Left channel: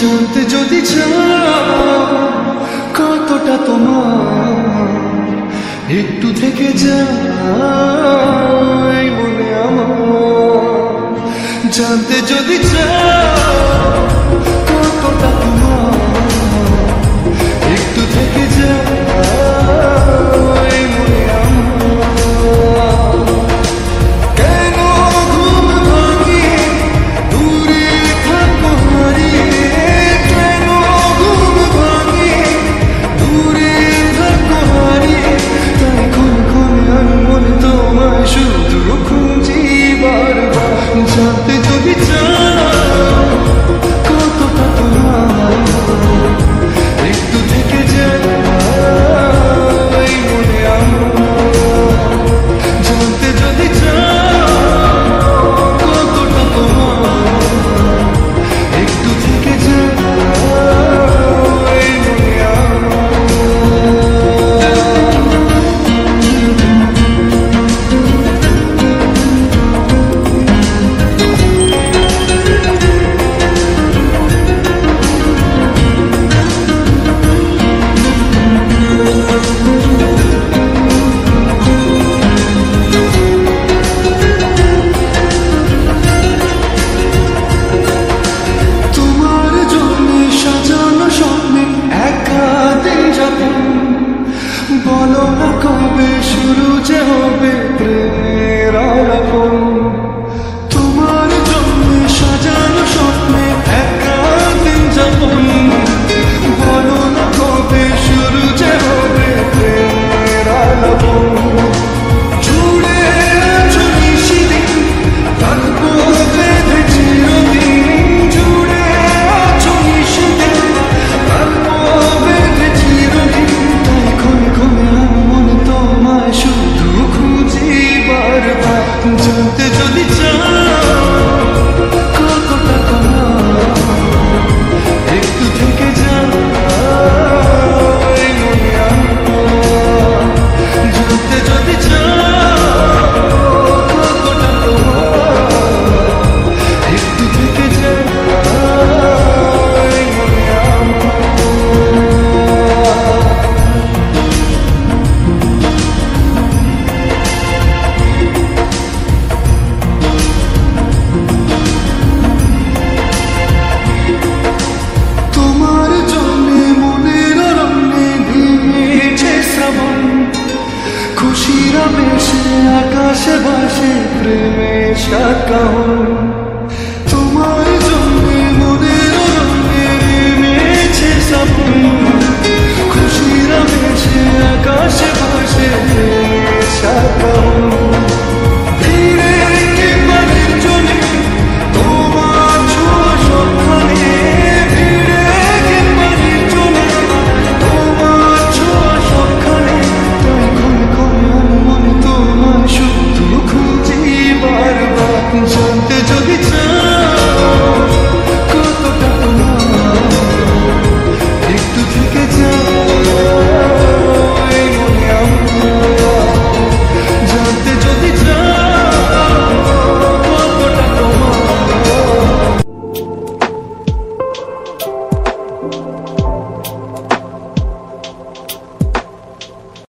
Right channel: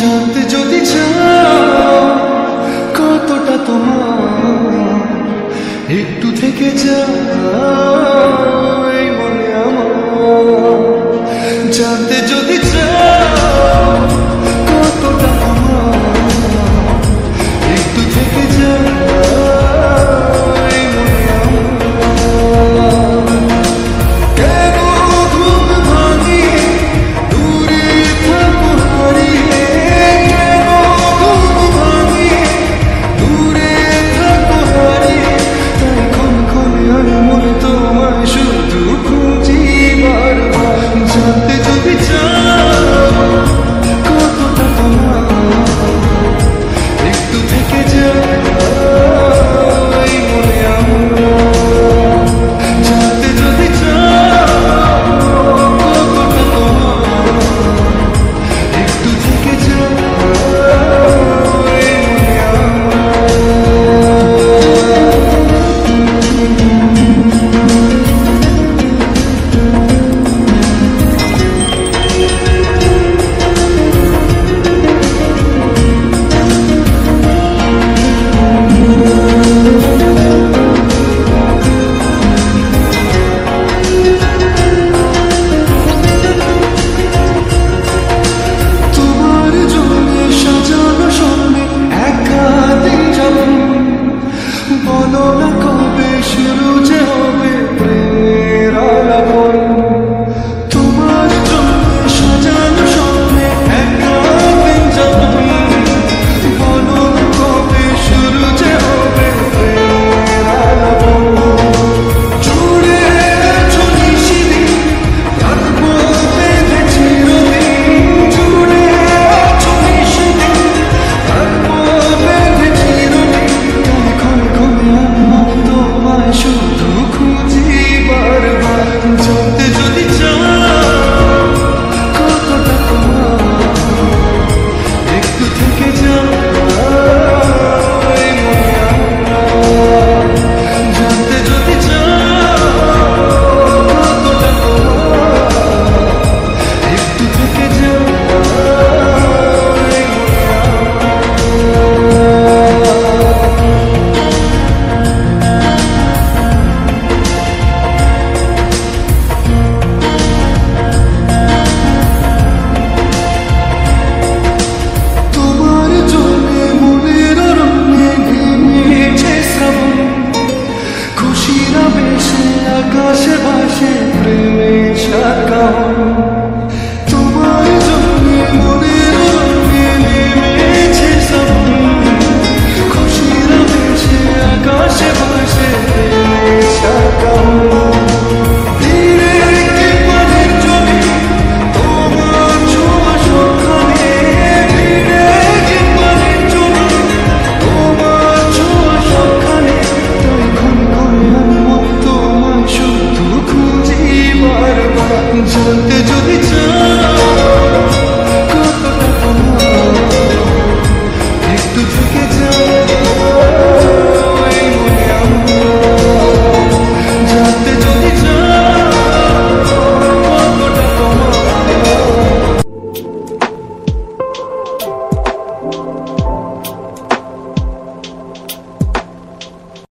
জানতে যদি চাও কতটা তোমার, একটু থেকে যাও এই মনে আমার। জানতে যদি চাও কতটা তোমার, একটু থেকে যাও এই মনে আমার। কেন ঘুম ভাঙিয়ে দূরে থাকো হারিয়ে, কেন ঘুম ভাঙিয়ে দূরে থাকো হারিয়ে, তাই ক্ষণে ক্ষণে আমি মনে তোমায় শুধু খুঁজি বারবার। জানতে যদি চাও কতটা তোমার, একটু থেকে যাও এই মনে আমার। জানতে যদি চাও কতটা তোমার, একটু থেকে যাও এই মনে আমার। স্বপ্নে একা দিন যাপন, বলো না কবে শুরু যে হবে প্রেমের আলাপন। তোমার জন্য সাজানো স্বপ্নে একা দিন যাপন, বলো না কবে শুরু যে হবে প্রেমের আলাপন। জুড়ে আছো নিশিদিন, থাকবো বেঁধে চিরদিন। জুড়ে আছো নিশিদিন, থাকবো বেঁধে চিরদিন। তাই ক্ষণে ক্ষণে আমি মনে তোমায় শুধু খুঁজি বারবার। জানতে যদি চাও কতটা তোমার, একটু থেকে যাও এই মনে আমার। জানতে যদি চাও কতটা তোমার, একটু থেকে যাও এই মনে আমার। তোমার জন্যে মনের অরণ্যে নেমেছে শ্রাবণ, খুশির আবেশে আকাশে ভাসে প্রেমের সাকাহন। তোমার জন্যে মনের অরণ্যে নেমেছে শ্রাবণ, খুশির আবেশে আকাশে ভাসে প্রেমের সাকাহন। ধীরে কি পানির জলে তোমার ছোঁয়া সন্ধানে, ধীরে কি পানির জলে তোমার ছোঁয়া সন্ধানে। তাই ক্ষণে ক্ষণে আমি মনে তোমায় শুধু খুঁজি বারবার।